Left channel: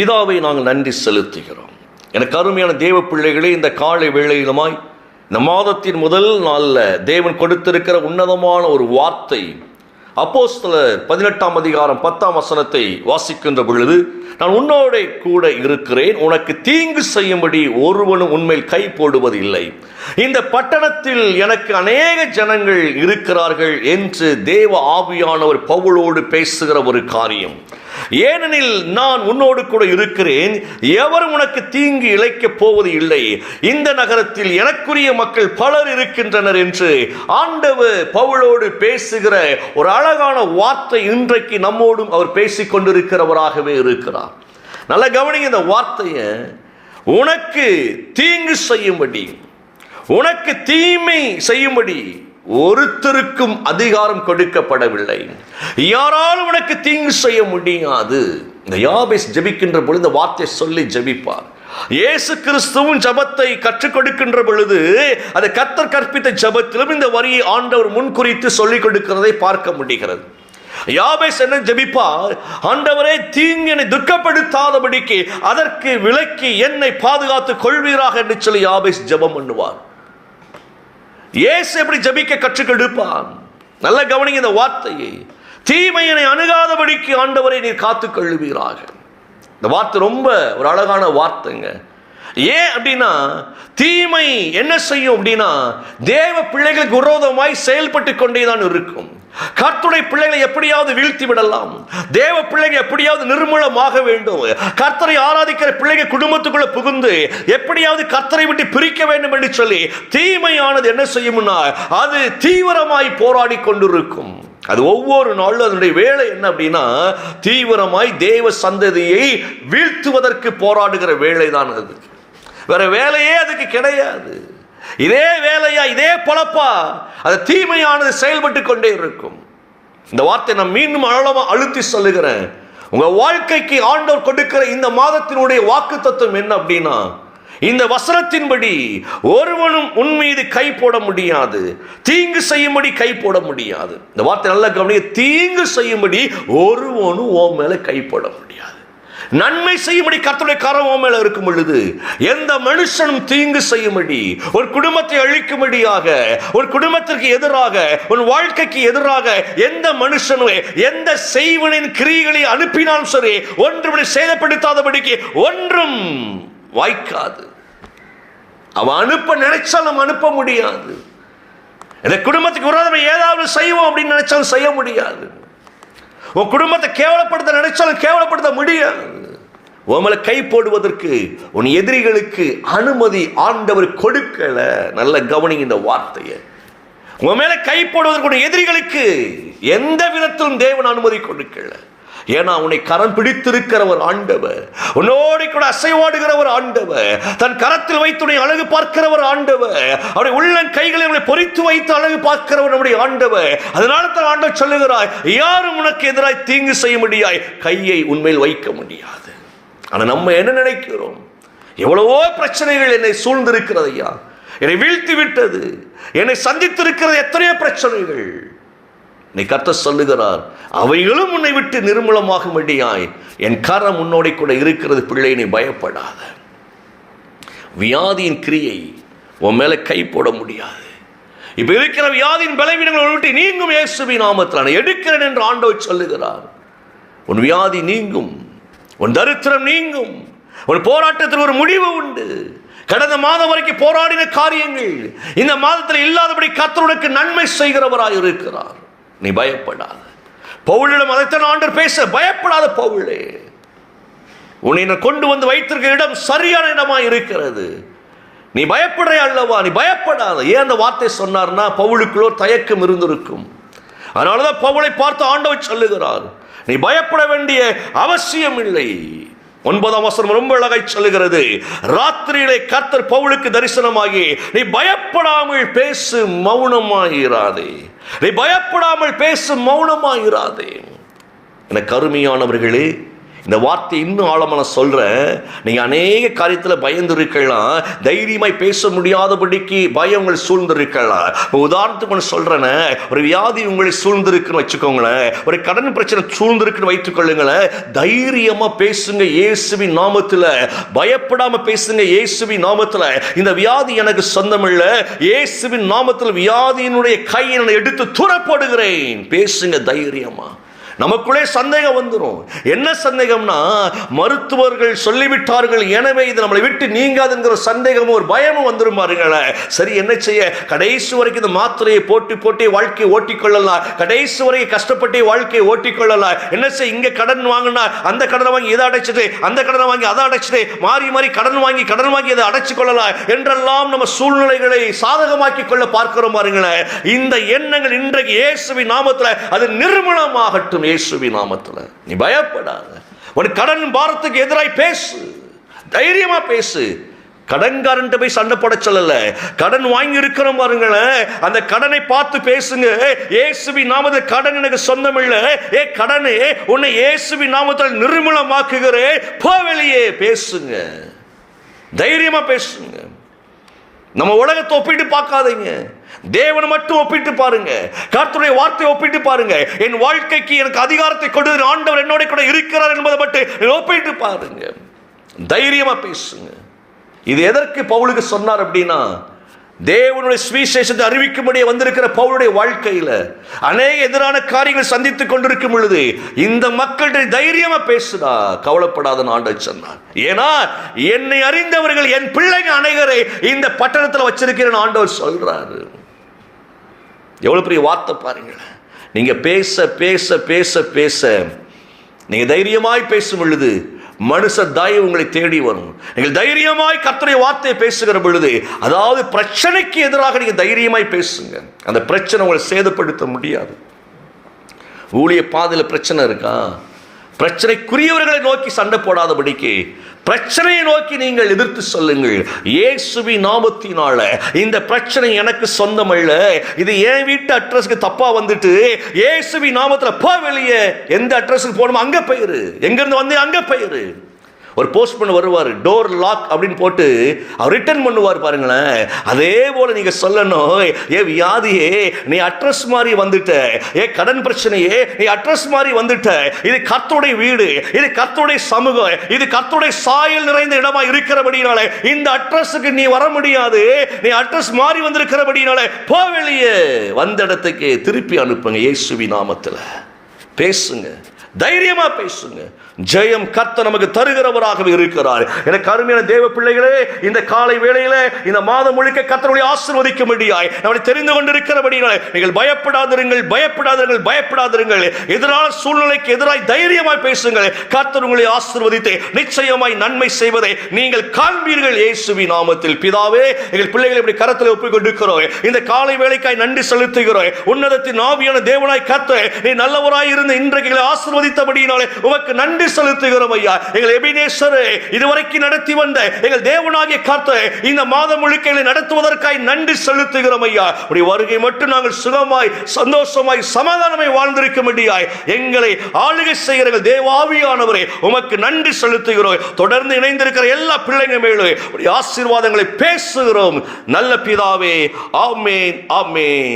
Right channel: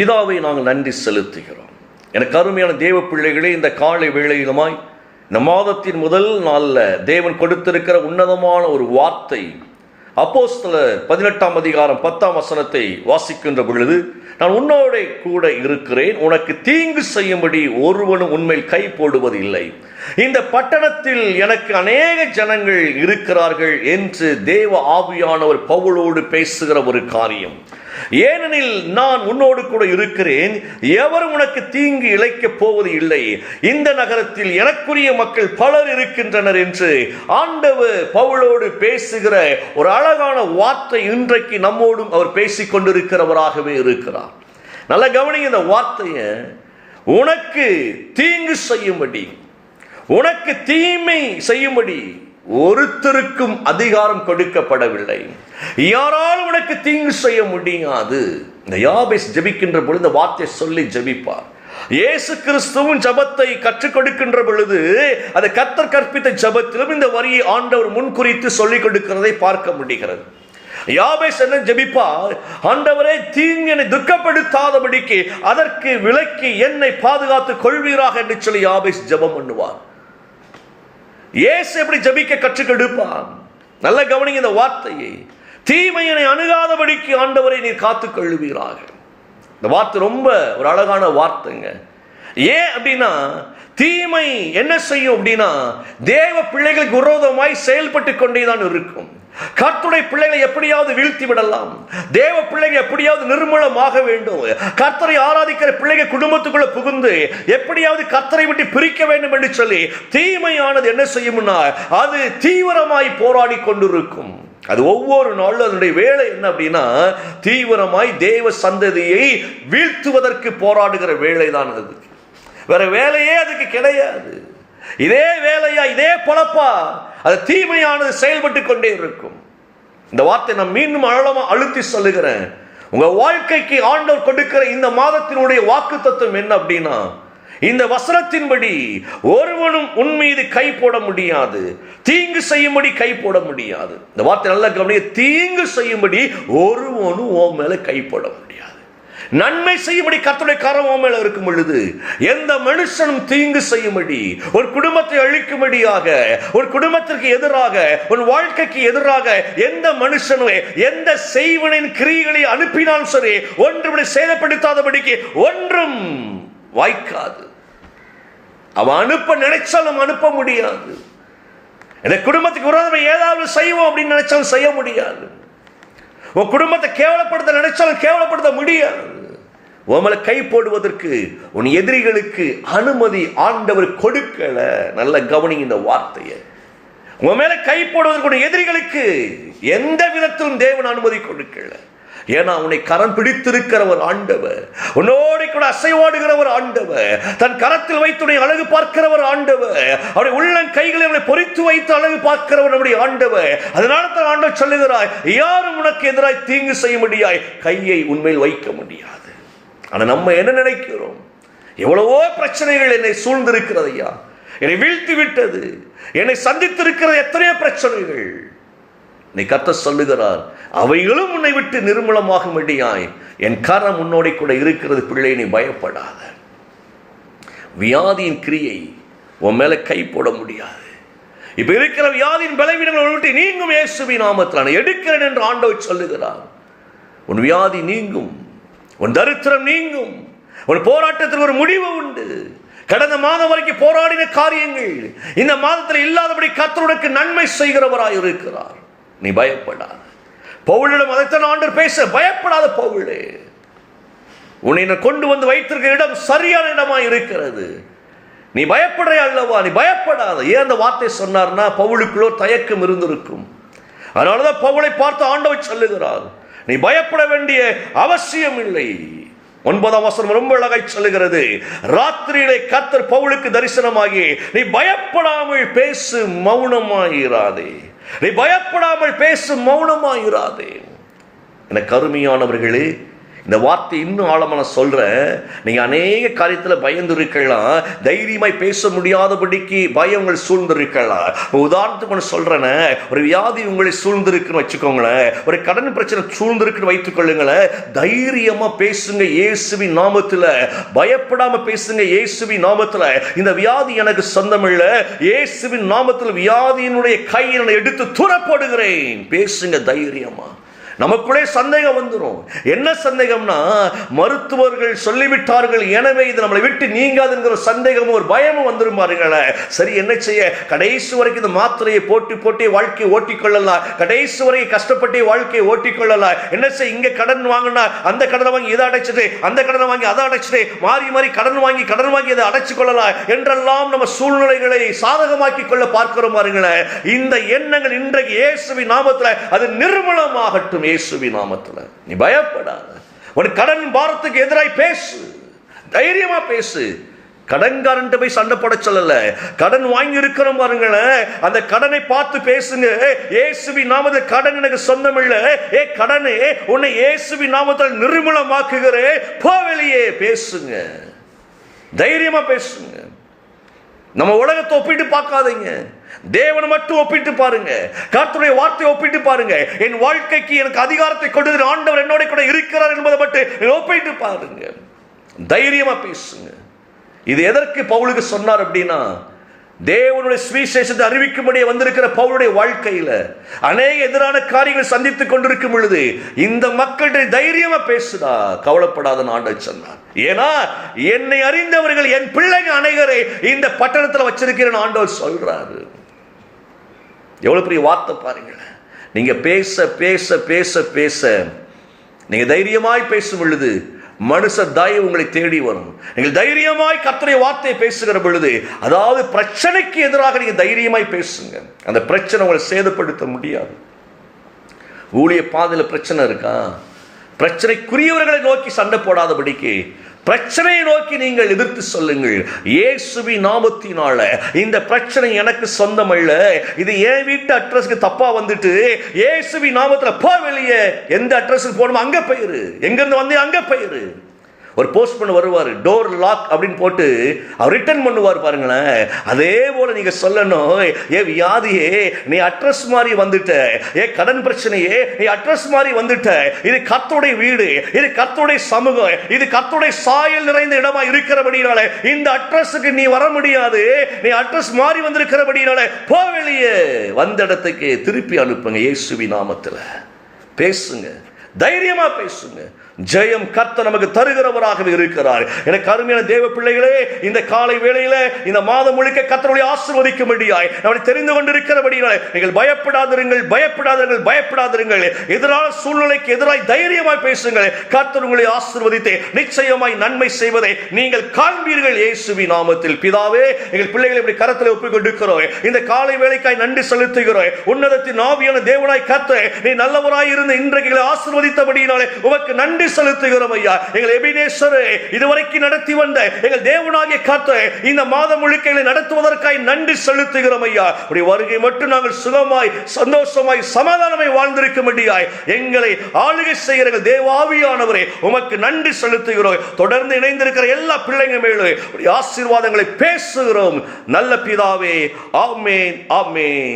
பிதாவை நாங்கள் நன்றி செலுத்துகிறோம். எனக்கு அருமையான தேவ பிள்ளைகளே இந்த காலை வேளையிலுமாய் இந்த மாதத்தின் முதல் நாளில் தேவன் கொடுத்திருக்கிற உன்னதமான ஒரு வார்த்தை அப்போஸ்தல பதினெட்டாம் அதிகாரம் பத்தாம் வசனத்தை வாசிக்கின்ற பொழுது நான் உன்னோட கூட இருக்கிறேன் உனக்கு தீங்கு செய்யும்படி ஒருவனும் உண்மையில் கை போடுவதில்லை. இந்த பட்டணத்தில் எனக்கு அநேக ஜனங்கள் இருக்கிறார்கள் என்று தேவ ஆவியானவர் பவுளோடு பேசுகிற ஒரு காரியம். ஏனெனில் நான் உன்னோடு கூட இருக்கிறேன். எவரும் உனக்கு தீங்கு இழைக்கப் போவது இல்லை. இந்த நகரத்தில் எனக்குரிய மக்கள் பலர் இருக்கின்றனர் என்று ஆண்டவர் பவுலோடு பேசுகிற ஒரு அழகான வார்த்தை இன்றைக்கு நம்மோடும் அவர் பேசிக் கொண்டிருக்கிறவராகவே இருக்கிறார். நல்ல கவனிங்க இந்த வார்த்தையை. உனக்கு தீங்கு செய்யும்படி உனக்கு தீமை செய்யும்படி ஒருத்தருக்கும் அதிகாரம் கொடுக்கப்படவில்லை. யாராலும் உனக்கு தீங்கு செய்ய முடியாது. இந்த யாபேஸ் ஜெபிக்கின்ற பொழுது இந்த வார்த்தை சொல்லி ஜெபிப்பார். இயேசு கிறிஸ்துவும் ஜபத்தை கற்றுக் கொடுக்கின்ற பொழுது அது கத்தர் கற்பித்த ஜபத்திலும் இந்த வரியை ஆண்டவர் முன்குறித்து சொல்லிக் கொடுக்கிறதை பார்க்க முடிகிறது. யாபேஸ் என்ன ஜெபிப்பார்? ஆண்டவரே தீங்கு என்னை துக்கப்படுத்தாதபடிக்கு அதற்கு விலக்கி என்னை பாதுகாத்துக் கொள்வீராக என்று சொல்லி யாபேஸ் ஜெபம் பண்ணுவார். இயேசு எப்படி ஜபிக்க கற்றுக் கொடுப்பான்? நல்ல கவனிங்க இந்த வார்த்தையை. தீமையினை அணுகாதபடிக்கு ஆண்டவரை நீர் காத்து கழுவீராக இந்த வார்த்தை ரொம்ப ஒரு அழகான வார்த்தைங்க. ஏன் அப்படின்னா தீமை என்ன செய்யும் அப்படின்னா தேவ பிள்ளைகளுக்கு விரோதமாய் செயல்பட்டு கொண்டே தான் இருக்கும். கர்த்துடைய பிள்ளைகளை எப்படியாவது வீழ்த்தி விடலாம். தேவ பிள்ளைகள் எப்படியாவது நிர்மூலமாக வேண்டும். கர்த்தரை ஆராதிக்கிற பிள்ளைகள் குடும்பத்துக்குள்ள புகுந்து எப்படியாவது கர்த்தரை விட்டு பிரிக்க வேண்டும் என்று சொல்லி தீமையானது என்ன செய்யும்னா அது தீவிரமாய் போராடி கொண்டிருக்கும். அது ஒவ்வொரு நாளும் அதனுடைய வேலை என்ன அப்படின்னா தீவிரமாய் தேவ சந்ததியை வீழ்த்துவதற்கு போராடுகிற வேலை தான் அது. வேற வேலையே அதுக்கு கிடையாது. இதே வேலையா இதே பொழப்பா அது தீமையானது செயல்பட்டு கொண்டே இருக்கும். இந்த வார்த்தை நான் மீண்டும் அழலமா அழுத்தி சொல்லுகிறேன். உங்க வாழ்க்கைக்கு ஆண்டவர் கொடுக்கிற இந்த மாதத்தினுடைய வாக்கு தத்துவம் என்ன அப்படின்னா இந்த வசனத்தின்படி ஒருவனும் உன் மீது கை போட முடியாது தீங்கு செய்யும்படி கை போட முடியாது. இந்த வார்த்தை நல்ல கவனிக்க தீங்கு செய்யும்படி ஒருவனும் உன் மேல கை போட முடியாது. நன்மை செய்யும்படி கர்த்தருடைய கரம் மேல இருக்கும் பொழுது எந்த மனுஷனும் தீங்கு செய்யும்படி ஒரு குடும்பத்தை அழிக்கும்படியாக ஒரு குடும்பத்திற்கு எதிராக ஒரு வாழ்க்கைக்கு எதிராக எந்த மனுஷனும் எந்த செய்வனின் கிரிகளை அனுப்பினாலும் சரி ஒன்றுபடி சேதப்படுத்தாதபடிக்கு ஒன்றும் வாய்க்காது. அவன் அனுப்ப நினைச்சாலும் அனுப்ப முடியாது. இந்த குடும்பத்துக்கு விரோதம் ஏதாவது செய்வோம் அப்படின்னு நினைச்சாலும் செய்ய முடியாது. உன் குடும்பத்தை கேவலப்படுத்த நினைச்சாலும் கேவலப்படுத்த முடியாது. உன் கை போடுவதற்கு உன் எதிரிகளுக்கு அனுமதி ஆண்டவர் கொடுக்கல. நல்ல கவனிங்க இந்த வார்த்தையை. உன் மேல கை போடுவதற்கு உன் எதிரிகளுக்கு எந்த விதத்திலும் தேவன் அனுமதி கொடுக்கல. ஏன்னா உன்னை கரம் பிடித்திருக்கிறவர் ஆண்டவர். உன்னோடு கூட அசைவாடுகிறவர் ஆண்டவர். தன் கரத்தில் வைத்து உன்னை அழகு பார்க்கிறவர் ஆண்டவர். அவருடைய உள்ளம் கைகளை அவனை பொறித்து வைத்து அழகு பார்க்கிறவர் நம்முடைய ஆண்டவர். அதனால தான் ஆண்டவர் சொல்லுகிறாய் யாரும் உனக்கு எதிராய் தீங்கு செய்ய முடியாய். கையை உண்மையில் வைக்க முடியாது. ஆனால் நம்ம என்ன நினைக்கிறோம்? எவ்வளவோ பிரச்சனைகள் என்னை சூழ்ந்திருக்கிறது ஐயா. என்னை வீழ்த்தி விட்டது என்னை சந்தித்திருக்கிறது எத்தனையோ பிரச்சனைகள். நீ கத்த சொல்லுகிறார் அவைகளும் உன்னை விட்டு நிர்மூலமாகும்படியாய் என் கரம் உன்னோட கூட இருக்கிறது பிள்ளை நீ பயப்படாத. வியாதியின் கிரியை உன் மேலே கை போட முடியாது. இப்போ இருக்கிற வியாதியின் பலவீனங்களை விட்டு நீங்கும் இயேசுவி நாமத்தில் நான் எடுக்கிறேன் என்று ஆண்டவர் சொல்லுகிறார். உன் வியாதி நீங்கும். உன் தரித்திரம் நீங்கும். உன் போராட்டத்தில் ஒரு முடிவு உண்டு. கடந்த மாதம் வரைக்கும் போராடின காரியங்கள் இந்த மாதத்தில் இல்லாதபடி கத்தருடைய நன்மை செய்கிறவராய் இருக்கிறார். நீ பயப்படாத. பவுலிடம் அதைத்தான் ஆண்டவர் பேச பயப்படாத பவுளே உன்னை கொண்டு வந்து வைத்திருக்கிற இடம் சரியான இடமா இருக்கிறது. நீ பயப்படுற அல்லவா? நீ பயப்படாத. ஏன் அந்த வார்த்தை சொன்னார்னா பவுலுக்குள்ளோ தயக்கம் இருந்திருக்கும். அதனாலதான் பவுலை பார்த்து ஆண்டவர் சொல்லுகிறார். நீ பயப்பட வேண்டிய அவசியம் இல்லை ஒன்பதாம் வசனம் ரொம்ப அழகாய் சொல்லுகிறது. ராத்திரியிலே கர்த்தர் பவுலுக்கு தரிசனமாகி நீ பயப்படாமல் பேசு மௌனமாயிராதே. நீ பயப்படாமல் பேசு மௌனமாயிராதே. என கருமையானவர்களே இந்த வார்த்தை இன்னும் ஆழமாக நான் சொல்றேன் நீங்க அநேக காரியத்தில் பயந்து இருக்கலாம் தைரியமாய் பேச முடியாதபடிக்கு பயம் உங்களை சூழ்ந்து இருக்கலாம் உதாரணத்துக்கு ஒன்று சொல்றேனே ஒரு வியாதி உங்களை சூழ்ந்திருக்குன்னு வச்சுக்கோங்களேன் ஒரு கடன் பிரச்சனை சூழ்ந்திருக்குன்னு வைத்துக்கொள்ளுங்களேன் தைரியமாக தைரியமா பேசுங்க இயேசுவி நாமத்துல. பயப்படாம பேசுங்க இயேசுவி நாமத்துல. இந்த வியாதி எனக்கு சொந்தம் இயேசுவின் நாமத்தில் வியாதியினுடைய கையை நான் எடுத்து துறப்படுகிறேன் பேசுங்க தைரியமாக நமக்குள்ளே சந்தேகம் வந்துடும் என்ன சந்தேகம்னா மருத்துவர்கள் சொல்லிவிட்டார்கள் எனவே இது நம்மளை விட்டு நீங்காதுங்கிற சந்தேகமும் ஒரு பயமும் வந்துடும் பாருங்களே சரி என்ன செய்ய? கடைசி வரைக்கும் இந்த மாத்திரையை போட்டி போட்டி வாழ்க்கையை ஓட்டிக்கொள்ளலாம் கடைசி வரை கஷ்டப்பட்டு வாழ்க்கையை ஓட்டிக்கொள்ளலாம் என்ன செய்ய? இங்கே கடன் வாங்கினா அந்த கடனை வாங்கி இதை அடைச்சிட்டு அந்த கடனை வாங்கி அதை அடைச்சிட்டு மாறி மாறி கடன் வாங்கி கடன் வாங்கி அதை அடைச்சு கொள்ளலாம் என்றெல்லாம் நம்ம சூழ்நிலைகளை சாதகமாக்கி கொள்ள பார்க்கிறோம் பாருங்களேன் இந்த எண்ணங்கள் இன்றைக்கு இயேசுவின் நாமத்தில் அது நிர்மலமாகட்டும் இயேசுவி நாமத்தில். நீ பயப்படாத. ஒரு கடன் பாரத்துக்கு எதிராய் பேசு. தைரியமா பேசு. கடன்காரன்ட்டு போய் சண்டை போட சொல்லல. கடன் வாங்கி இருக்கிறோம் பாருங்களேன் அந்த கடனை பார்த்து பேசுங்க. ஏசுவி நாமது கடன் எனக்கு சொந்தம் இல்லை ஏ கடனே உன்னை இயேசுவி நாமத்தில் நிர்மலமாக்குகிறே. போ வெளியே பேசுங்க. தைரியமா பேசுங்க. நம்ம உலகத்தை ஒப்பிட்டு பார்க்காதீங்க. தேவனை மட்டும் ஒப்பிட்டு பாருங்க. கர்த்தருடைய வார்த்தையை ஒப்பிட்டு பாருங்க. என் வாழ்க்கைக்கு எனக்கு அதிகாரத்தை கொடுத்து ஆண்டவர் என்னோட கூட இருக்கிறார் என்பதை மட்டும் ஒப்பிட்டு பாருங்க. தைரியமா பேசுங்க. இது எதற்கு பவுலுக்கு சொன்னார் அப்படின்னா தேவனுடைய சுவிசேஷத்தை அறிவிக்கும்படியே வந்திருக்கிற பவுளுடைய வாழ்க்கையில் அநேக எதிரான காரியங்கள் சந்தித்துக் கொண்டிருக்கும் பொழுது இந்த மக்கள்கிட்ட தைரியமா பேசுதா? கவலைப்படாத ஆண்டை சொன்னார். ஏன்னா என்னை அறிந்தவர்கள் என் பிள்ளைங்க அனைவரை இந்த பட்டணத்தில் வச்சிருக்கிறேன் ஆண்டவர் சொல்றாரு. எவ்வளவு பெரிய வார்த்தை பாருங்கள் நீங்க பேச பேச பேச பேச நீங்க தைரியமாய் பேசும் பொழுது மனுஷ தயவு உங்களை தேடி வரும். நீங்கள் தைரியமாய் கத்தரை வார்த்தையை பேசுகிற பொழுது அதாவது பிரச்சனைக்கு எதிராக நீங்க தைரியமாய் பேசுங்க. அந்த பிரச்சனை உங்களை சேதப்படுத்த முடியாது. ஊழிய பாதையில் பிரச்சனை இருக்கா? பிரச்சனைக்குரியவர்களை நோக்கி சண்டை போடாதபடிக்கு பிரச்சனையை நோக்கி நீங்கள் எதிர்த்து சொல்லுங்கள். இயேசுவி நாமத்தினால இந்த பிரச்சனை எனக்கு சொந்தம் அல்ல இது என் வீட்டு அட்ரஸ்க்கு தப்பா வந்துட்டு இயேசுவி நாமத்தில் போ வெளியே எந்த அட்ரஸுக்கு போகணுமோ அங்கே போயிரு. எங்கேருந்து வந்தேன் வந்து போயிரு. ஒரு போஸ்ட்மேன் வருவார் டோர் லாக் அப்படின்னு போட்டு அவர் ரிட்டர்ன் பண்ணுவார் பாருங்களேன். அதே போல் நீங்கள் சொல்லணும் ஏ வியாதியே நீ அட்ரஸ் மாதிரி வந்துட்ட. ஏ கடன் பிரச்சனையே நீ அட்ரஸ் மாதிரி வந்துட்ட. இது கத்தோடைய வீடு இது கத்தோடைய சமூகம் இது கத்தோடைய சாயல் நிறைந்த இடமா இருக்கிறபடினால இந்த அட்ரஸுக்கு நீ வர முடியாது. நீ அட்ரஸ் மாறி வந்திருக்கிறபடினால போ வெளியே. வந்த இடத்துக்கு திருப்பி அனுப்புங்க இயேசுவி நாமத்தில். பேசுங்க தைரியமா பேசுங்க. ஜெயம் கத்த நமக்கு தருகிறவராகவே இருக்கிறார். எனக்கு அருமையான தேவ பிள்ளைகளே இந்த காலை வேளையில இந்த மாதம் முழுக்க ஆசிர்வதிக்க முடியாய் தெரிந்து கொண்டிருக்கிறபடியால் நீங்கள் பயப்படாதிருங்கள் பயப்படாதிருங்கள் பயப்படாதிருங்கள். எதிரான சூழ்நிலைக்கு எதிராய் தைரியமாய் பேசுங்கள். கத்தர் உங்களை ஆசிர்வதித்து நிச்சயமாய் நன்மை செய்வதை நீங்கள் காண்பீர்கள் இயேசுவி நாமத்தில். பிதாவே எங்கள் பிள்ளைகளை இப்படி கரத்தில் ஒப்புக்கொண்டிருக்கிறோம். இந்த காலை வேலைக்காய் நன்றி செலுத்துகிறோம். உன்னதத்தின் ஆவியான தேவனாய் கத்த நீ நல்லவராய் இருந்து இன்றைக்கு ஆசிர்வதித்தபடியினாலே உமக்கு நன்றி செலுத்துகிறோம் ஐயா. எங்கள் எபினேஸ்வரே இதுவரைக்கும் நடத்தி வந்த எங்கள் தேவனாகிய காத்த இந்த மாதம் முழுக்க எங்களை நடத்துவதற்காய் நன்றி செலுத்துகிறோம் ஐயா. உடைய வருகை மட்டும் நாங்கள் சுகமாய் சந்தோஷமாய் சமாதானமாய் வாழ்ந்திருக்கும்படியாய் எங்களை ஆளுகை செய்கிற தேவாவியானவரே உமக்கு நன்றி செலுத்துகிறோம். தொடர்ந்து இணைந்திருக்கிற எல்லா பிள்ளைங்க மேலும் ஆசீர்வாதங்களை பேசுகிறோம். நல்ல பிதாவே ஆமேன் ஆமேன்.